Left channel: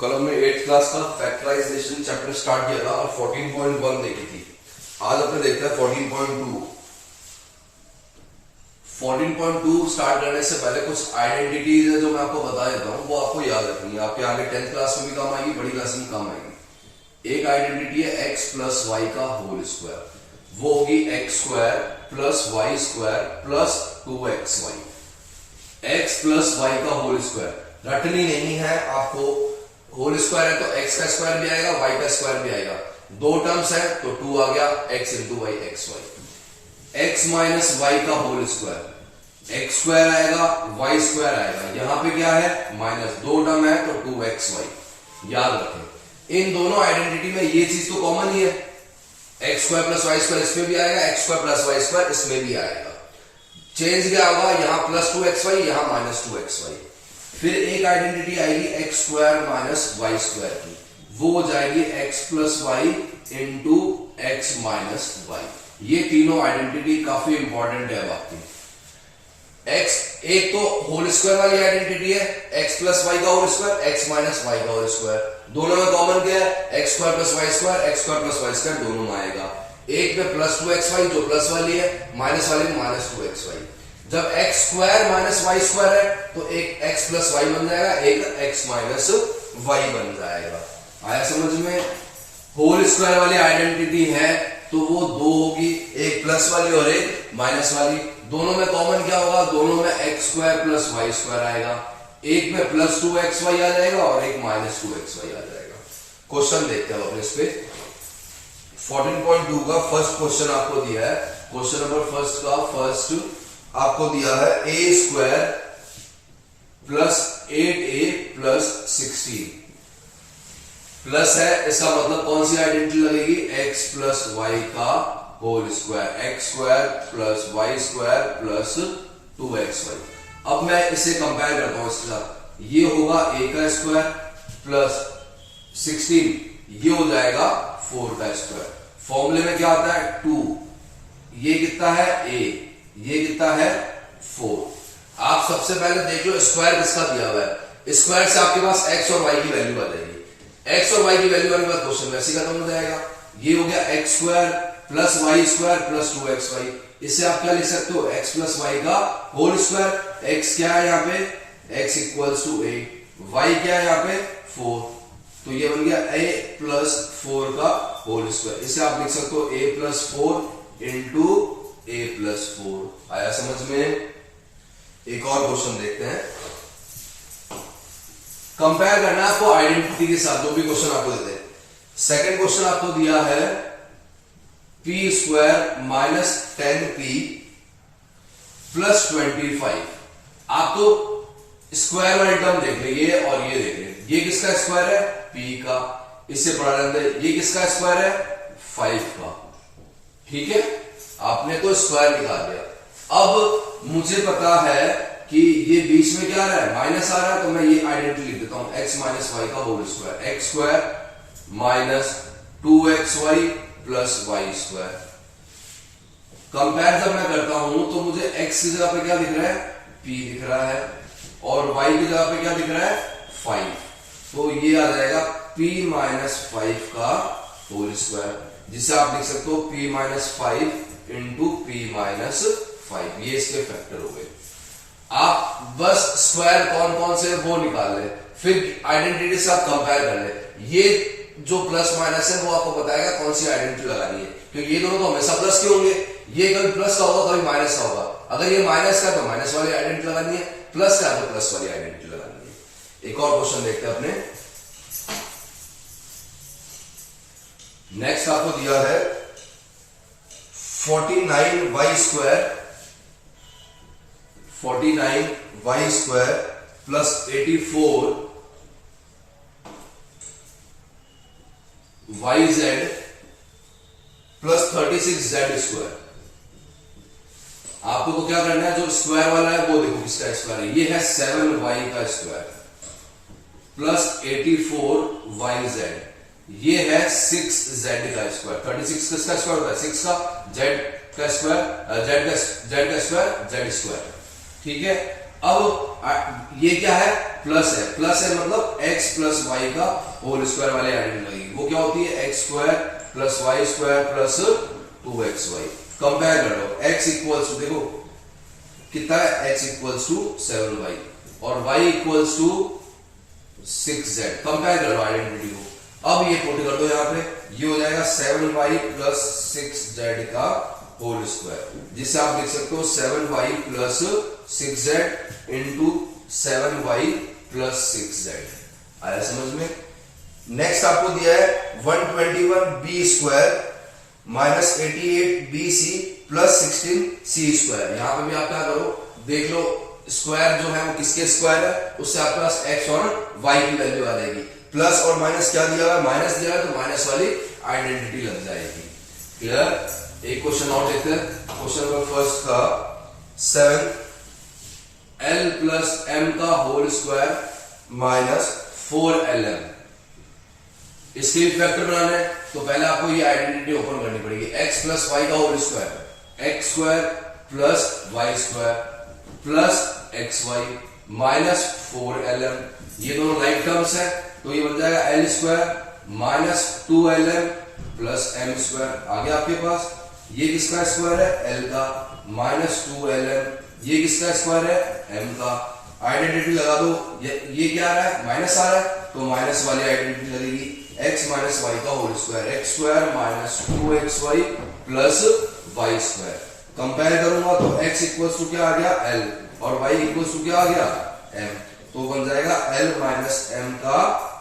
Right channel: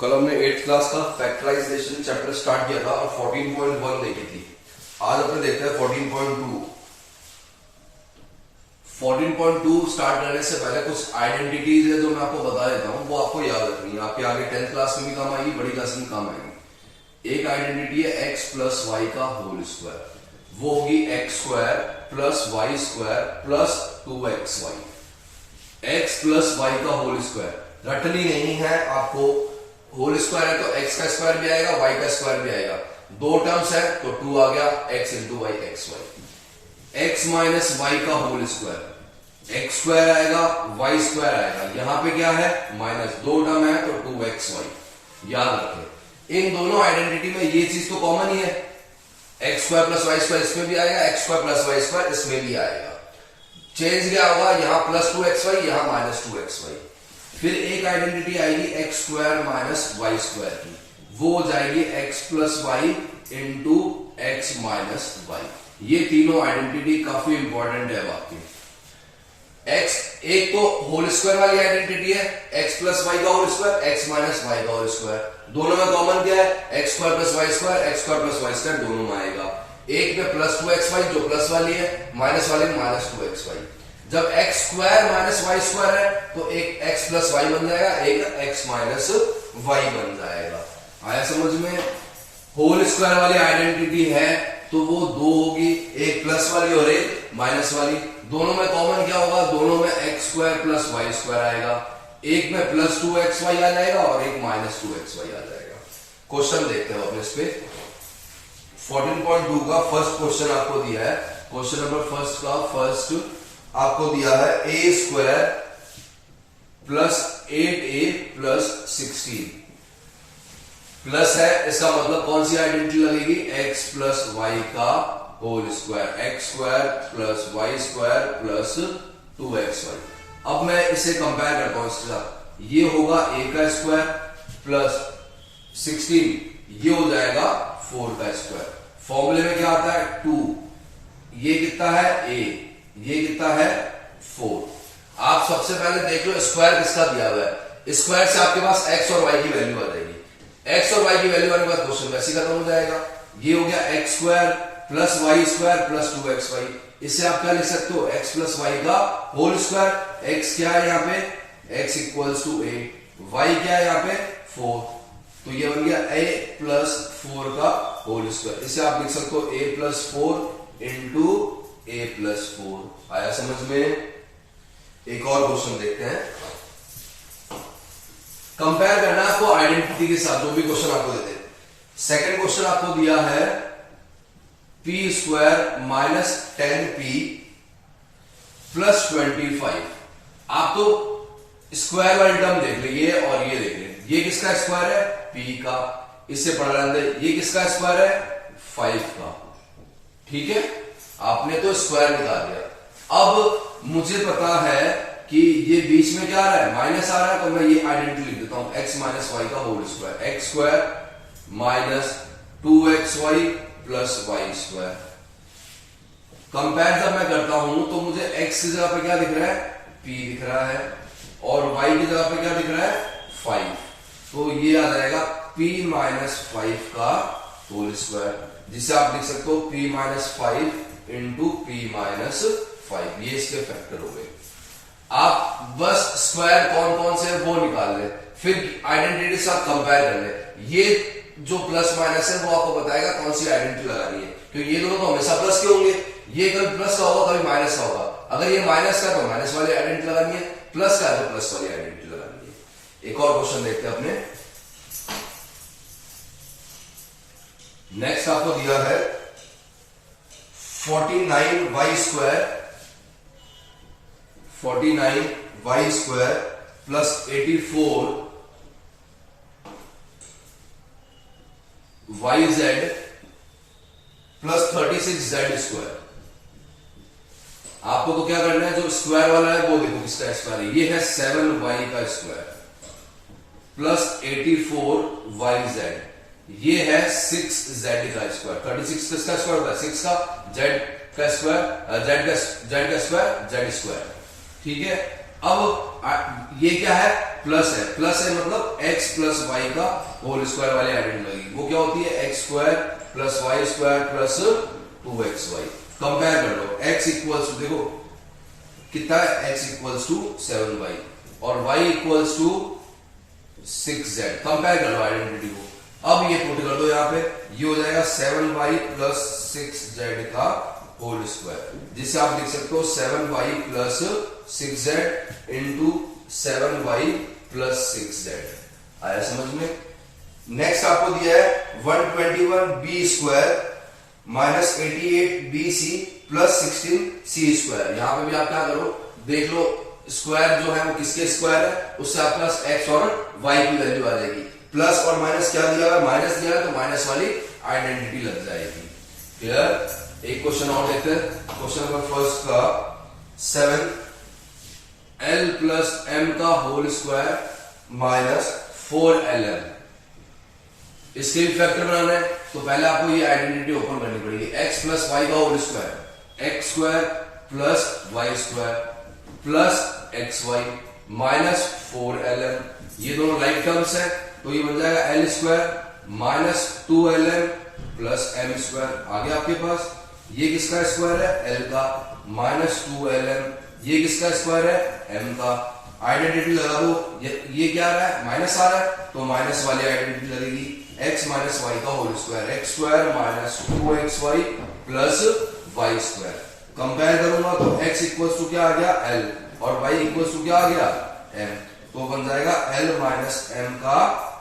कल हमने 8th class का फैक्टराइजेशन चैप्टर स्टार्ट किया था और 14.1 देखी थी। आज अपने देखते हैं 14.2। 14.2 स्टार्ट करने से पहले कुछ आइडेंटिटीज है जो मैं आपको बता देता हूँ, वो आपको याद रखनी है। आपके आगे 10th क्लास में भी काम आएगी, बड़ी क्लास में काम आएगी। एक आइडेंटिटी है x प्लस वाई का होल स्क्वायर, वो होगी x square plus y square plus 2xy। x plus y का होल स्क्वायर रटनी नहीं है आपको। होल स्क्वायर है तो x का स्क्वायर भी आएगा, y का स्क्वायर भी आएगा। दो टर्म्स है तो 2 आ गया, x into y x y. x minus y का होल स्क्वायर, एक्स स्क्वायर आएगा, वाई स्क्वायर आएगा। यहां पे क्या है माइनस, दो टर्म है तो 2xy। याद रखें इन दोनों आइडेंटिटी में ये चीज तो कॉमन ही है, x square plus y square इसमें भी आएगा, x square plus y square इसमें भी आएगा। चेंज क्या होगा, यहां प्लस 2xy, यहां माइनस 2xy। फिर एक आइडेंटिटी आएगी x square minus y square की, वो हो जाएगी x plus y into x minus y. ये तीनों आइडेंटिटी काफी इंपॉर्टेंट है आपकी। एक्स एक तो होल स्क्वायर वाली आइडेंटिटी है, एक्स प्लस वाई का whole square, x minus y का होल स्क्वायर। दोनों में कॉमन क्या है, x square plus y square, x square plus y square दोनों में आएगा। एक में प्लस 2xy जो प्लस वाली है, माइनस वाली माइनस 2xy। जब x square minus y square है तो एक एक्स प्लस वाई बन जाएगा, एक एक्स माइनस वाई बन जाएगा। आया समझ में। होल स्क्वायर वाली आइडेंटिटी है तो वो दो होगी, एक प्लस वाली और एक माइनस वाली। दोनों में कॉमन क्या होगा, दोनों में x square plus y square आएगा। एक में प्लस 2xy आ जाएगा और एक माइनस 2xy आ जाएगा। क्वेश्चन देखते हैं अपने इस पे। 14.2 का फर्स्ट क्वेश्चन आपको दिया है। क्वेश्चन नंबर फर्स्ट का फर्स्ट आपको दिया है a square plus 8a plus 16 plus है, इसका मतलब कौन सी आइडेंटिटी लगेगी, एक्स प्लस वाई का whole square, x square plus y square plus 2xy। अब मैं इसे कंपेयर करता हूं इसके साथ। ये होगा a का स्क्वायर प्लस 16, ये हो जाएगा 4 का स्क्वायर। फॉर्मूले में क्या आता है 2, ये कितना है a, ये कितना है 4। आप सबसे पहले देख लो स्क्वायर किसका दिया हुआ है। स्क्वायर से आपके पास x और y की वैल्यू आ जाएगी। x और y की वैल्यू आने के बाद क्वेश्चन वैसे खत्म हो जाएगा। ये हो गया x square plus y square plus 2xy। इससे आप क्या लिख सकते हो, x प्लस वाई का होल स्क्वायर। x क्या है यहाँ पे, x equals to a, y क्या है यहाँ पे 4, तो ये बन गया a प्लस 4 का होल स्क्वायर। इसे आप लिख सकते हो a plus 4 into a plus 4। आया समझ में। एक और क्वेश्चन देखते हैं। कंपेयर करना है आपको आइडेंटिटी के साथ, जो भी क्वेश्चन आपको देते हैं। सेकंड क्वेश्चन आपको दिया है p square minus 10p plus 25। आप तो स्क्वायर वाली टर्म देख लीजिए और ये देख लीजिए, ये किसका स्क्वायर है p का, इससे पढ़ा रहता है। ये किसका स्क्वायर है 5 का। ठीक है, आपने तो स्क्वायर निकाल दिया। अब मुझे पता है कि ये बीच में क्या आ रहा है, माइनस आ रहा है, तो मैं ये आइडेंटिटी लिख देता हूं, x माइनस वाई का whole square, x square minus 2xy plus y square. Compare जब मैं करता हूं तो मुझे x की जगह पे क्या दिख रहा है, p दिख रहा है, और y की जगह पे क्या दिख रहा है 5। तो ये आ जाएगा p माइनस 5 का होल स्क्वायर, जिसे आप लिख सकते हो p minus 5 into p minus 5। ये इसके फैक्टर हो गए। आप बस स्क्वायर कौन कौन से वो निकाल ले, फिर आइडेंटिटी से आप कंपेयर कर ले। ये जो प्लस माइनस है वो आपको बताएगा कौन सी आइडेंटिटी लगानी है, क्योंकि ये दोनों तो हमेशा प्लस के होंगे। ये कभी प्लस का होगा कभी माइनस का होगा। अगर ये माइनस का तो माइनस वाली आइडेंटिटी लगानी है, प्लस का है तो प्लस वाली आइडेंटिटी लगानी है। एक और क्वेश्चन देखते हैं अपने। नेक्स्ट आपको दिया है 49y square plus 84 yz plus 36z square. आपको तो क्या करना है, जो स्क्वायर वाला है वो देखो किसका स्क्वायर है। ये है 7y का स्क्वायर प्लस 84yz, ये है 6z का स्क्वायर। 36 किसका स्क्वायर होता है, 6 का, z का स्क्वायर, z का स्क्वायर z स्क्वायर। ठीक है, अब ये क्या है, प्लस है मतलब x प्लस वाई का होल स्क्वायर वाले आइडेंटिटी लगेगी। वो क्या होती है, x square plus y square plus 2xy। Compare कर लो, x इक्वल्स टू, देखो कितना है, x इक्वल्स टू 7y और y equals to 6z। Compare कर लो आइडेंटिटी को। अब ये पुट कर दो यहाँ पे, ये हो जाएगा 7y प्लस 6z का होल स्क्वायर, जिसे आप लिख सकते हो 7y plus 6z into 7y plus 6z। आया समझ में। नेक्स्ट आपको दिया है 121b square minus 88bc plus 16c square. यहां पे भी आप क्या करो, देख लो स्क्वायर जो है वो किसके स्क्वायर है, उससे आपके पास x और y की वैल्यू आ जाएगी। प्लस और माइनस क्या दिया है, माइनस दिया है तो माइनस वाली आइडेंटिटी लग जाएगी। क्लियर। एक क्वेश्चन और देखते हैं, क्वेश्चन नंबर फर्स्ट का 7 l प्लस m का होल स्क्वायर माइनस 4lm। इसके भी फैक्टर बनाना है तो पहले आपको ये आइडेंटिटी ओपन करनी पड़ेगी। x प्लस वाई का whole square, x square plus y square plus x y minus 4lm। ये दोनों राइट टर्म्स है तो ये बन जाएगा l square minus 2lm plus m square. आगे आपके पास ये किसका स्क्वायर है, l का माइनस 2lm। ये किसका स्क्वायर है, m का। आइडेंटिटी लगा दो, ये क्या आ रहा है, माइनस आ रहा है तो माइनस वाली आइडेंटिटी लगेगी। x माइनस वाई का whole square, x square minus 2xy plus y square. Compare करूंगा तो x इक्वल्स टू क्या आ गया, l और y इक्वल्स टू क्या आ गया, m। तो बन जाएगा l माइनस m का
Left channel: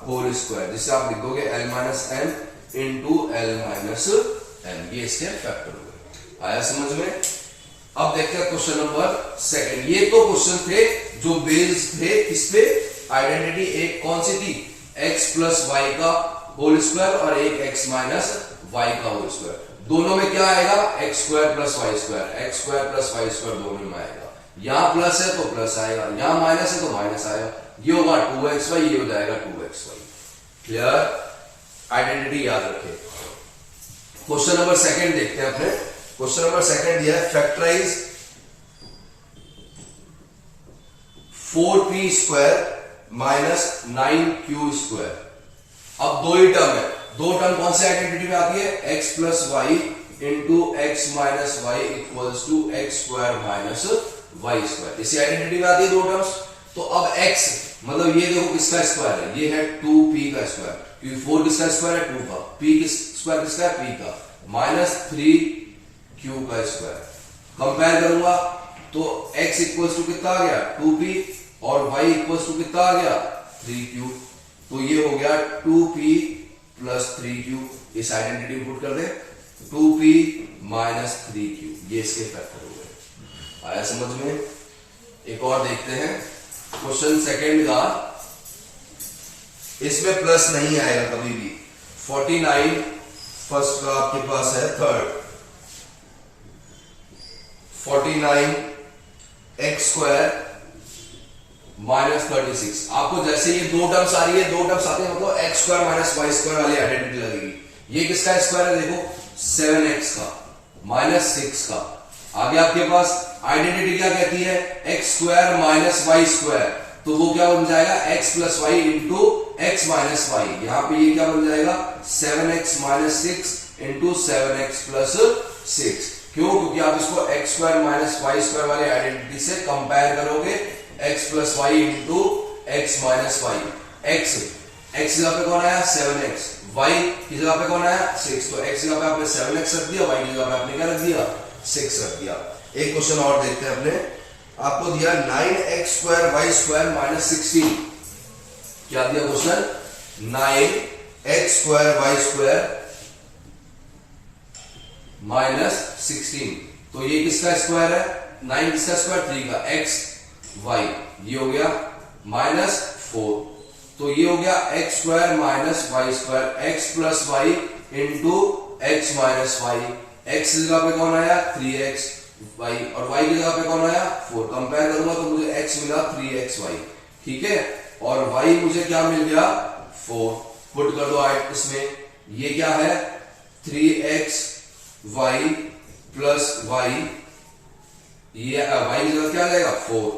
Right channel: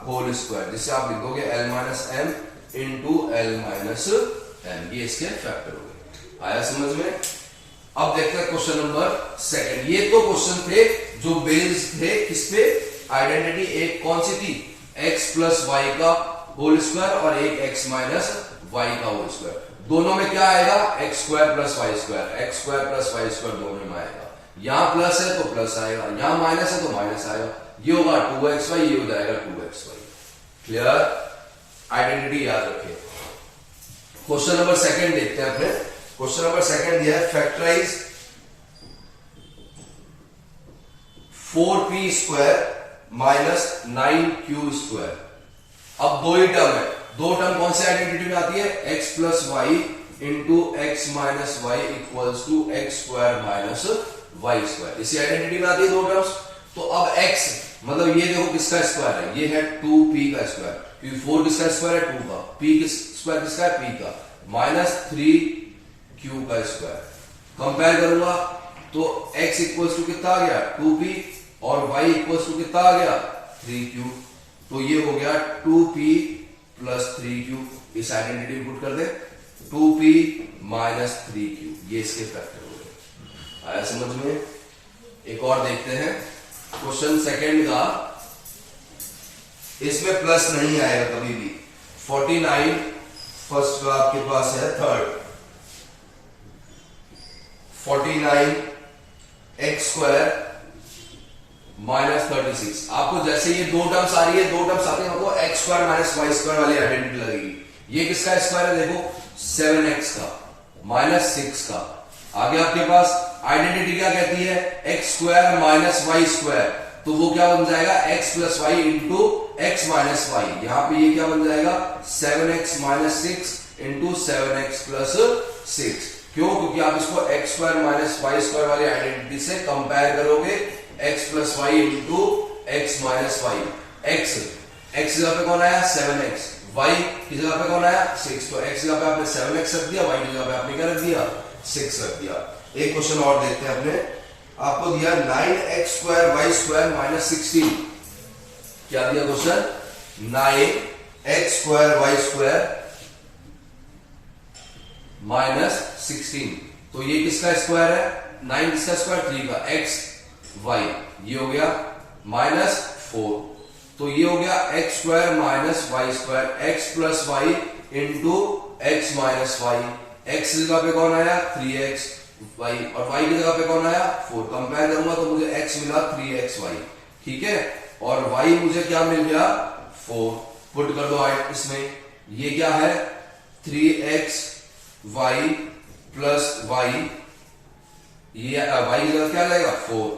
होल स्क्वायर, जिसे आप लिख दोगे l minus m into l minus m। ये इसके फैक्टर हो गए। आया समझ में। अब देखते हैं क्वेश्चन नंबर सेकंड। ये तो क्वेश्चन थे जो बेस्ड थे किस पे, आइडेंटिटी एक कौन सी थी, x प्लस वाई का होल स्क्वायर और एक x माइनस वाई का होल स्क्वायर। दोनों में क्या आएगा, x square plus y square, x square plus y square दोनों में आएगा। यहां प्लस है तो प्लस आएगा, यहां माइनस है तो माइनस आएगा। ये होगा 2xy, ये हो जाएगा 2xy। क्लियर। आइडेंटिटी याद रखें। क्वेश्चन नंबर सेकंड देखते हैं अपने। क्वेश्चन नंबर सेकंड दिया है factorise 4p square minus 9q square. अब दो ही टर्म है, दो टर्म कौन से आइडेंटिटी में आती है, x plus y into x minus y equals to x square minus y square. इसी आइडेंटिटी में आती है दो टर्म्स। तो अब x मतलब ये देखो किसका स्क्वायर है, ये है 2p का स्क्वायर, क्योंकि 4 किसका स्क्वायर है, 2 का। p स्क्वायर किसका है, p का, माइनस 3q का स्क्वायर। कंपेयर करूंगा तो x इक्वल्स टू कितना आ गया, 2p और y इक्वल्स टू कितना आ गया, 3q। तो ये हो गया 2p प्लस 3q। इस आइडेंटिटी पुट कर दे, 2p माइनस 3q। ये इसके फैक्टर हो गए। आया समझ में। एक और देखते हैं क्वेश्चन सेकंड का। इसमें प्लस नहीं आएगा कभी भी। 49 फर्स्ट का आपके पास है, थर्ड 49 एक्स स्क्वायर माइनस 36। आपको जैसे ये दो टर्म्स आ रही है, दो टर्म्स आती है मतलब x square minus y square वाली आइडेंटिटी लगेगी। ये किसका स्क्वायर है, देखो 7x का माइनस 6 का। आगे आपके पास आइडेंटिटी क्या कहती है, x square minus y square. तो वो क्या बन जाएगा, x plus y into x minus y. यहां पे ये क्या बन जाएगा, 7x minus 6 into 7x plus 6। क्यों, क्योंकि आप इसको x square minus y square वाली आइडेंटिटी से कंपेयर करोगे, x plus y into x minus y. X जगह पे कौन आया, 7x। वाई की जगह पे कौन आया, 6। तो एक्स जगह पे आपने 7x रख दिया, वाई की जगह पे आपने क्या रख दिया, 6 रख दिया। एक क्वेश्चन और देखते हैं अपने। आपको दिया 9x square y square minus 16। क्या दिया question, 9x square y square minus 16। तो ये किसका स्क्वायर है, 9 किसका स्क्वायर, 3 का, x y। ये हो गया माइनस 4। तो ये हो गया x square minus y square, x plus y into x minus y. X की जगह पे कौन आया, 3x y और y की जगह पे कौन आया, 4। कंपेयर करूंगा तो मुझे x मिला 3xy, ठीक है, और y मुझे क्या मिल गया, 4। पुट कर दो इसमें, ये क्या है 3xy प्लस y, ये y की जगह क्या जाएगा 4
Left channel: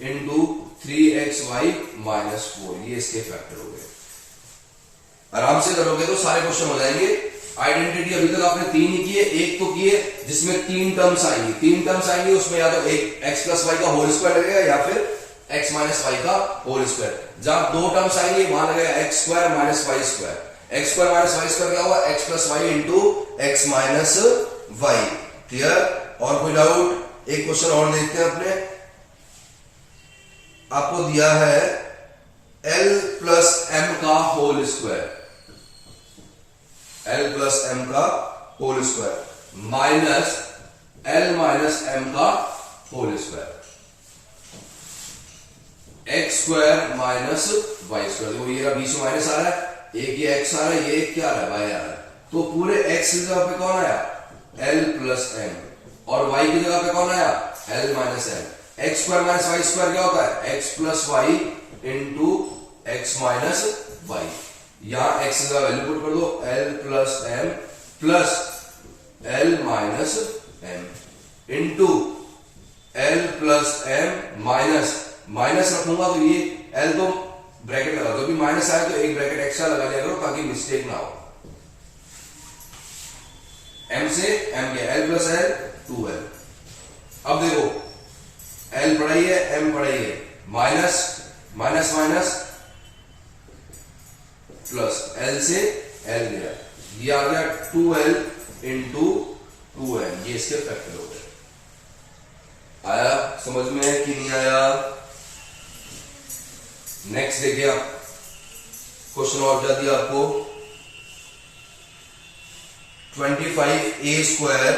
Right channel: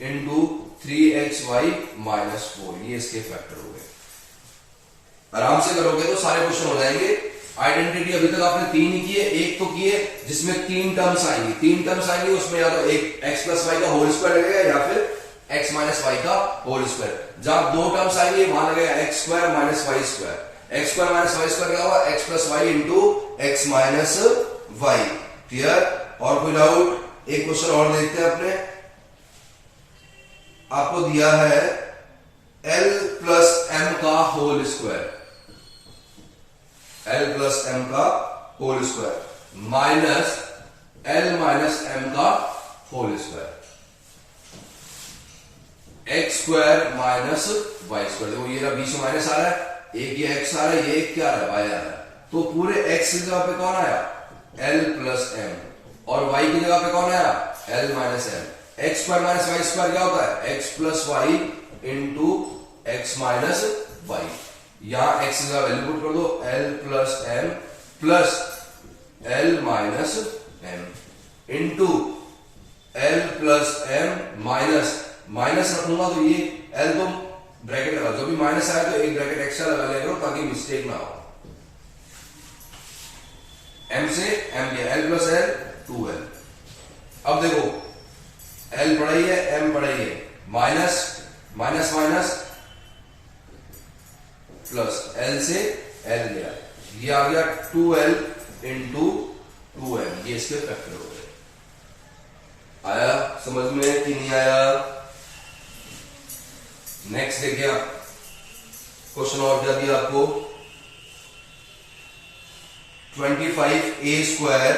इंटू 3xy माइनस 4, ये इसके फैक्टर हो गए। आराम से करोगे तो सारे क्वेश्चन हो जाएंगे। आइडेंटिटी अभी तक आपने 3 ही किए, एक तो किए जिसमें 3 टर्म्स आएंगी, 3 टर्म्स आएंगी उसमें या तो एक x प्लस वाई का होल स्क्वायर लगेगा या फिर x माइनस वाई का होल स्क्वायर। जहां 2 टर्म्स आएंगे वहां लगेगा x square minus y square. x square minus y square क्या होगा, x plus y into x minus y. Clear? और कोई डाउट? एक क्वेश्चन और देखते हैं अपने। आपको दिया है l प्लस m का whole square, l plus m का whole square minus l minus m का whole square, x square minus y square. देखो ये बीच में माइनस आ रहा है, एक ये x आ रहा है, ये क्या आ रहा है, वाई आ रहा है। तो पूरे x की जगह पे कौन आया, l प्लस m, और y की जगह पे कौन आया, l minus m। X square minus y square क्या होता है, x plus y into x minus y. यहां x की जगह वैल्यू पुट कर दो, l plus m plus l minus m into l plus m minus, minus रखूंगा तो ये l तो ब्रैकेट लगा, जो भी माइनस आए तो एक ब्रैकेट एक्स्ट्रा लगा लिया करो ताकि मिस्टेक ना हो। m से m गया, l प्लस l 2l। अब देखो l पढ़ाई है, m पढ़ाई है, minus minus minus plus l से l गया, ये आ गया 2l इंटू 2m, ये इसके फैक्टर हो गए। आया समझ में कि नहीं आया? नेक्स्ट देखिए आप क्वेश्चन और क्या दिया आपको, 25a square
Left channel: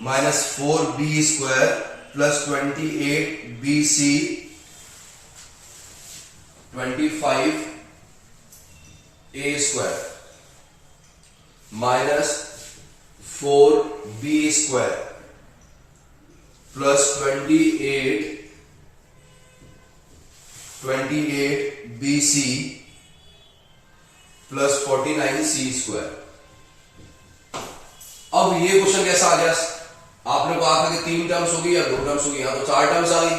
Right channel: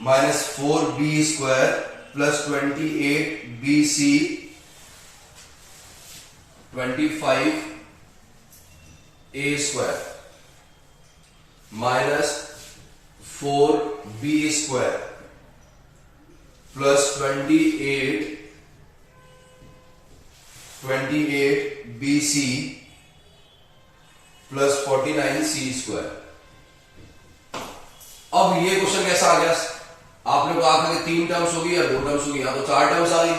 minus 4b square plus 28bc, 25a square minus 4b square plus 28bc plus 49c square. अब ये क्वेश्चन कैसा आ गया, आपने कहा था कि 3 टर्म्स होगी या 2 टर्म्स होगी, यहां तो 4 टर्म्स आ गई।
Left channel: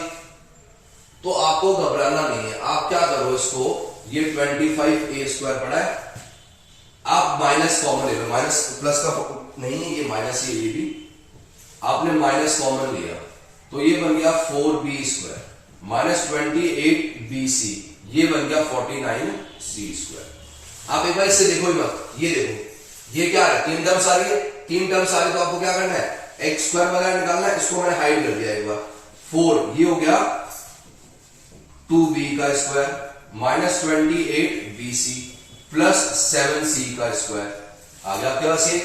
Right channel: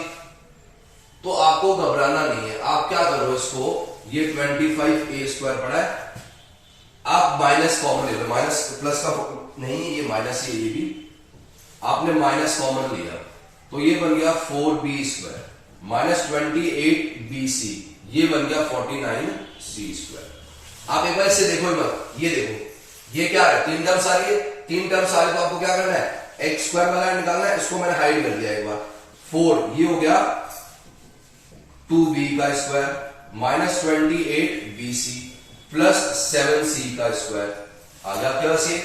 तो आपको घबराना नहीं है, आप क्या करो इसको, ये 25a स्क्वायर पड़ा है, आप माइनस कॉमन ले लो, माइनस प्लस का नहीं, ये माइनस ही, ये भी आपने माइनस कॉमन लिया तो ये बन गया 4b स्क्वायर माइनस 28bc, ये बन गया 49c स्क्वायर। आप एक बार इससे देखो ही मत, ये देखो ये क्या है, 3 टर्म्स आ रही है, 3 टर्म्स आ रही तो आपको क्या करना है, एक्स स्क्वायर वगैरह निकालना है, इसको मैंने हाइड कर दिया एक बार। 4 ये हो गया 2b का square minus 28bc plus 7c का स्क्वायर आ गया आपके पास। ये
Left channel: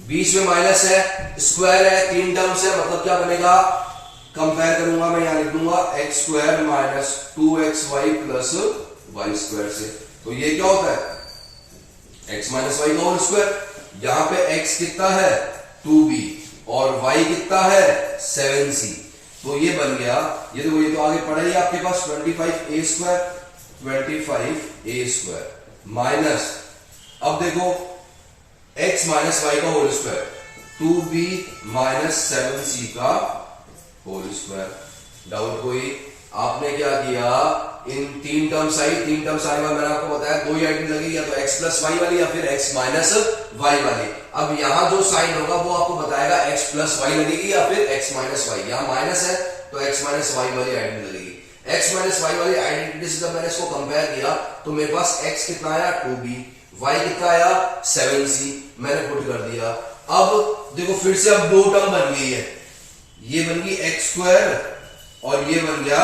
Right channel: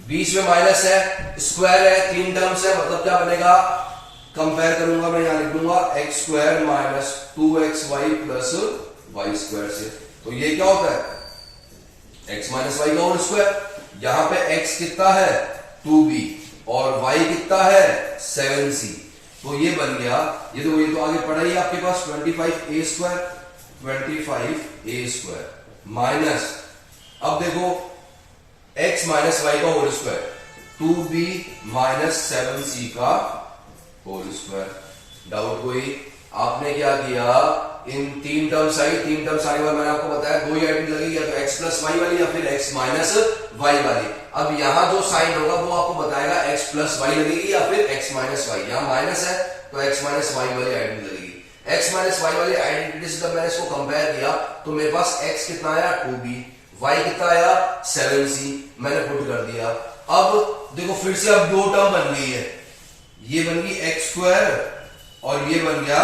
बीच में माइनस है, स्क्वायर है, 3 टर्म्स है, मतलब क्या बनेगा, कंपेयर करूंगा मैं, यहां लिख दूंगा x square minus 2xy plus y square से। तो ये क्या होता है, x माइनस वाई का होल स्क्वायर। यहां पे x कितना है 2b और y कितना है 7c, तो ये बन गया, ये तो आगे पड़ा ही आपके पास 25a स्क्वायर माइनस, अब देखो x माइनस वाई का whole square 2b minus 7c का होल स्क्वायर। डाउट कोई? आपने क्या किया, इन 3 टर्म्स आई, 3 टर्म्स आने बाद मैंने आपको बताया 2 ही आइटम लगेगी, या तो x प्लस वाई वाली या फिर x माइनस वाई वाली। अब यहां जो साइन होगा वो आपको बताएगा x प्लस वाई लगेगी या फिर x माइनस वाई। यहां माइनस है तो x माइनस वाई वाली आइटम लगेगी। x माइनस वाई वाली आइडेंटिटी से जब मैंने इसको कंपेयर किया तो मेरे पास x कितना आया 2b, y कितना आया 7c, मैंने पुट कर दिया। अब देखो फिर से अब 2 टर्म बन गई है, ये बन गई एक्स स्क्वायर और ये बन गया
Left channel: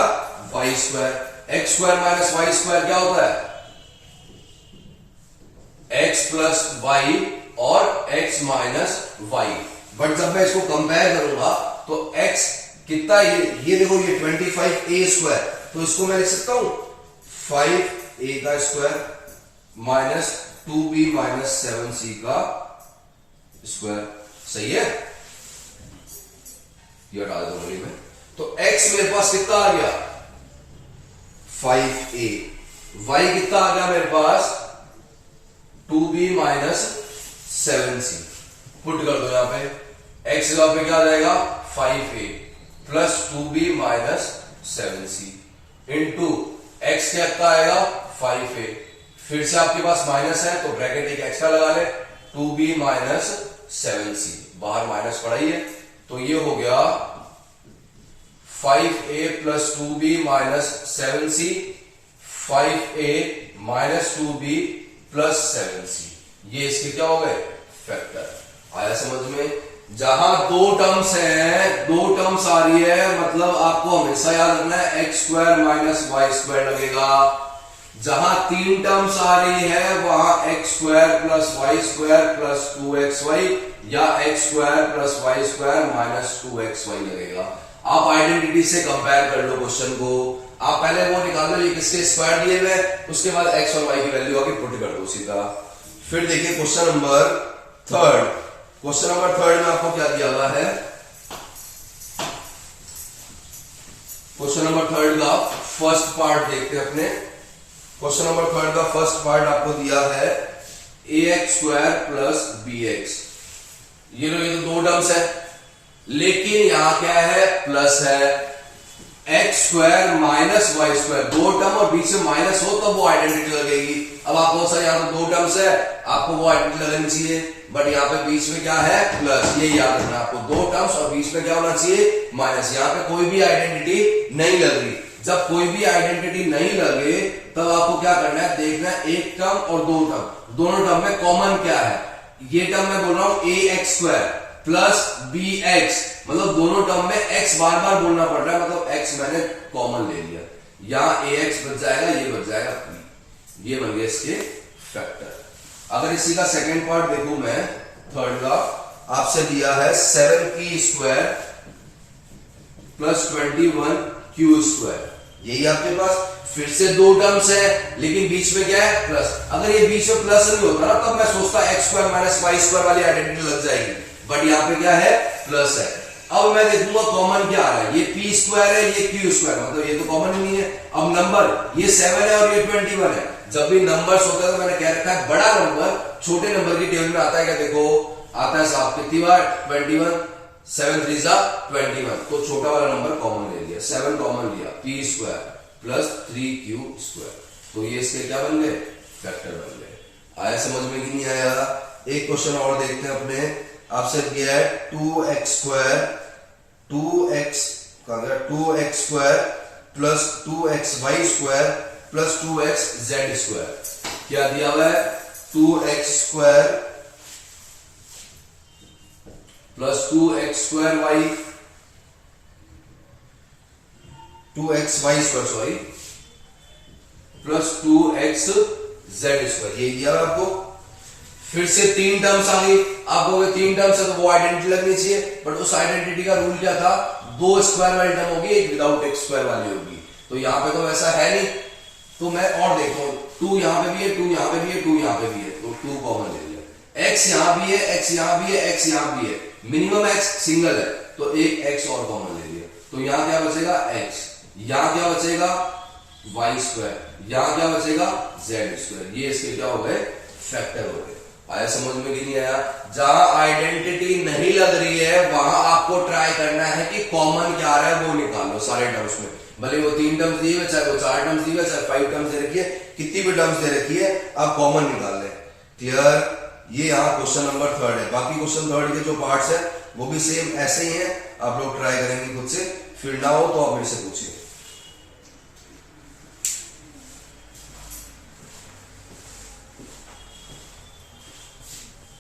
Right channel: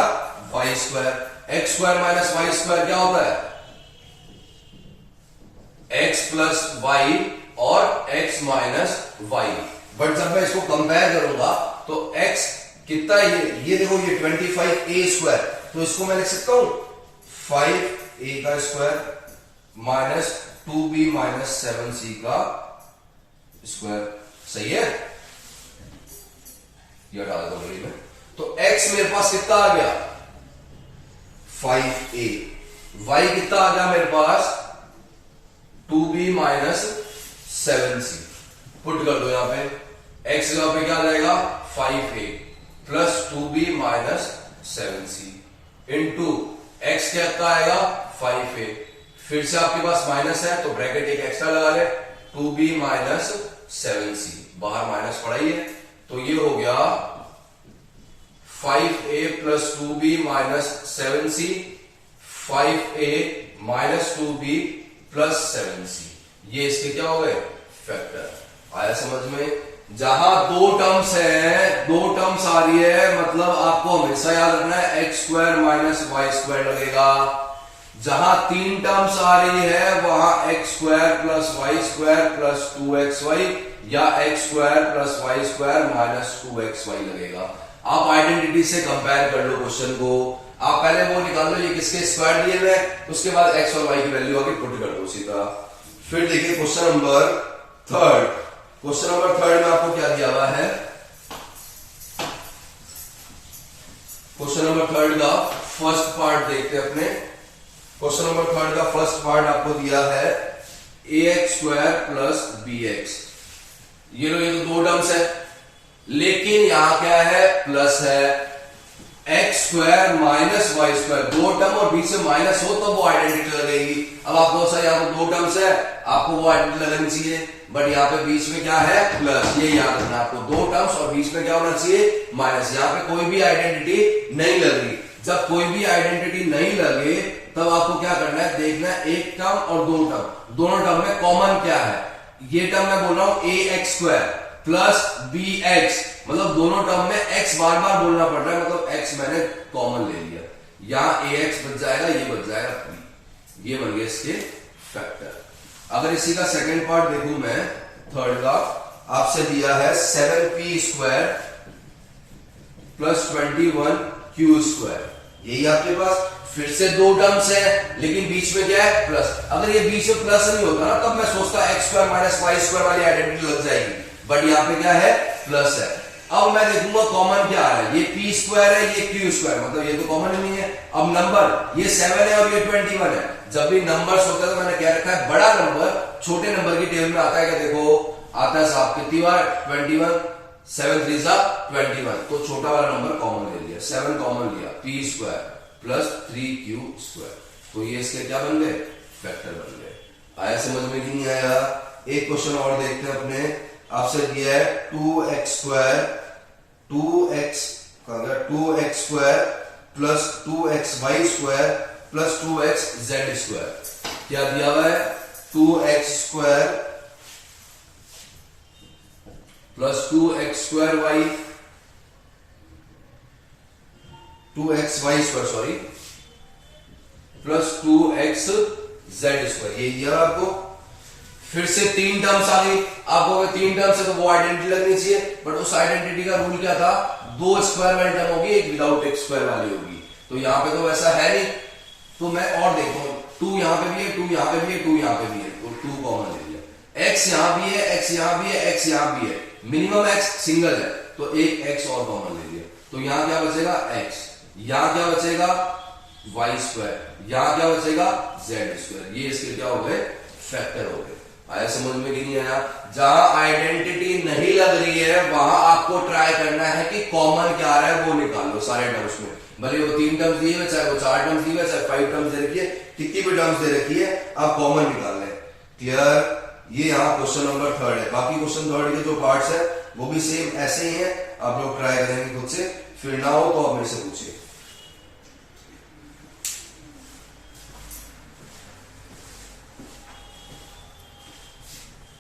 y square. X square minus y square क्या होता है, एक्स प्लस वाई और एक्स माइनस वाई। बट जब मैं इसको कंपेयर करूंगा तो एक्स कितना, ये देखो ये 25a स्क्वायर, तो इसको मैं लिख सकता हूं 5a का square minus 2b minus 7c का स्क्वायर। सही है, ये डाल दो बड़ी में, तो x मेरे पास कितना आ गया 5a, y कितना आ गया मेरे पास 2b माइनस 7c। पुट कर दो यहां पे, x जगह पे क्या आ जाएगा 5a plus 2b minus 7c into x क्या का आएगा 5a, फिर से आपके पास माइनस है तो ब्रैकेट एक एक्स्ट्रा लगा ले 2b माइनस 7c, बाहर माइनस पड़ा ही है तो ये हो गया 5a plus 2b minus 7c, 5a minus 2b plus 7c, ये इसके क्या हो गए फैक्टर। आया समझ में? जहां दो टर्म्स है, दो टर्म्स आ रही है, मतलब आपको हमेशा याद रखना है x square minus y square लगेगा। जहां तीन टर्म्स आ रही है वहां x square plus y square plus 2xy या x square plus y square minus 2xy लगेगा। आप आइडेंटिटी से कंपेयर कर लो क्वेश्चन को, आप पहले वो निकाल लो ये किसके स्क्वायर दिए हुए, उसके बाद एक्स और वाई की वैल्यू आके पुट कर दो सीधा। फिर देखिए question number third. Question number third में आपको क्या दिया हुआ है? क्वेश्चन नंबर थर्ड का फर्स्ट पार्ट देखते हैं अपने। क्वेश्चन नंबर थर्ड का फर्स्ट पार्ट आपको दिया है ax स्क्वायर प्लस bx। ये तो दो टर्म्स है, लेकिन यहां क्या है प्लस है, x square minus y square, दो टर्म और बीच में माइनस हो तो वो आइडेंटिटी लगेगी। अब आपको सा यहाँ तो दो टर्म्स है, आपको वो आइडेंटिटी लगनी चाहिए, बट यहाँ पे बीच में क्या है प्लस, ये याद रखना आपको, दो टर्म्स और बीच में क्या होना चाहिए माइनस। यहाँ पे कोई भी आइडेंटिटी नहीं लग रही। जब कोई भी आइडेंटिटी नहीं लगे तब आपको क्या करना है, देखना है एक टर्म और दो टर्म, दोनों टर्म में कॉमन क्या है। ये टर्म मैं बोल रहा हूं a x square plus b x, मतलब दोनों टर्म में x बार बार बोलना पड़ रहा है, मतलब x मैंने कॉमन ले लिया, यहां ए एक्स बच जाएगा, ये बच जाएगा p, ये बन गया इसके फैक्टर। अगर इसी का सेकंड पार्ट देखूं मैं, थर्ड का आपसे दिया है 7p square plus 21q square, यही आपके पास फिर से दो टर्म्स है, लेकिन बीच में क्या है प्लस। अगर ये बीच में प्लस नहीं होता ना तब मैं सोचता x square minus y square वाली आइडेंटिटी लग जाएगी, बट यहाँ पे क्या है प्लस है। अब मैं देखूंगा कॉमन क्या आ रहा है, ये पी स्क्वायर है, ये क्यू स्क्वायर, मतलब ये तो कॉमन नहीं है। अब नंबर ये 7 है और ये 21 है, जब भी नंबर्स होते हैं तो मैंने कह रखा है बड़ा नंबर छोटे नंबर की टेबल में आता है क्या, देखो आता है साहब कितनी बार 21, 7 3 21, तो छोटा वाला नंबर कॉमन ले लिया, 7 कॉमन लिया, P square plus 3q square, तो ये इसके क्या बन गए फैक्टर बन गए। आया समझ में कि नहीं आया? एक क्वेश्चन और देखते हैं अपने, आपसे दिया है 2x square 2x square plus 2xy square plus 2xz square. क्या दिया हुआ है 2x square plus 2x square y 2xy square sorry plus 2xz square, ये दिया आपको। फिर से तीन टर्म्स आ गई, आपको तीन टर्म्स है तो वो आइडेंटिटी लगनी चाहिए, बट उस आइडेंटिटी का रूल क्या था, दो स्क्वायर वाली टर्म होगी, एक विदाउट एक स्क्वायर वाली होगी, तो यहां पे तो वैसा है नहीं। तो मैं और देखता हूं, 2 यहां पे भी है, 2 यहां पे भी है, 2 यहां पे भी है, तो 2 कॉमन ले लिया। x यहां भी है, x यहां भी है, x यहां भी है, मिनिमम x सिंगल है तो एक x और कॉमन ले लिया, तो यहां क्या बचेगा x, यहां क्या बचेगा y स्क्वायर, यहां क्या बचेगा z स्क्वायर, ये इसके क्या हो गए फैक्टर हो गए। आया समझ में कि नहीं आया? जहां आइडेंटिटी नहीं लग रही है वहां आपको ट्राई करना है कि कॉमन क्या आ रहा है वो निकाल लो सारे टर्म्स में, भले वो 3 टर्म्स दिए हुए, चाहे वो 4 टर्म्स दिए हुए, चाहे 5 टर्म्स दे रखी है, कितनी भी टर्म्स दे रखी है, आप कॉमन निकाल लें। क्लियर? ये यहाँ क्वेश्चन नंबर थर्ड है। बाकी क्वेश्चन थर्ड के जो पार्ट्स है वो भी सेम ऐसे ही है, आप लोग ट्राई करेंगे खुद से, फिर ना हो तो आप मेरे से पूछिए।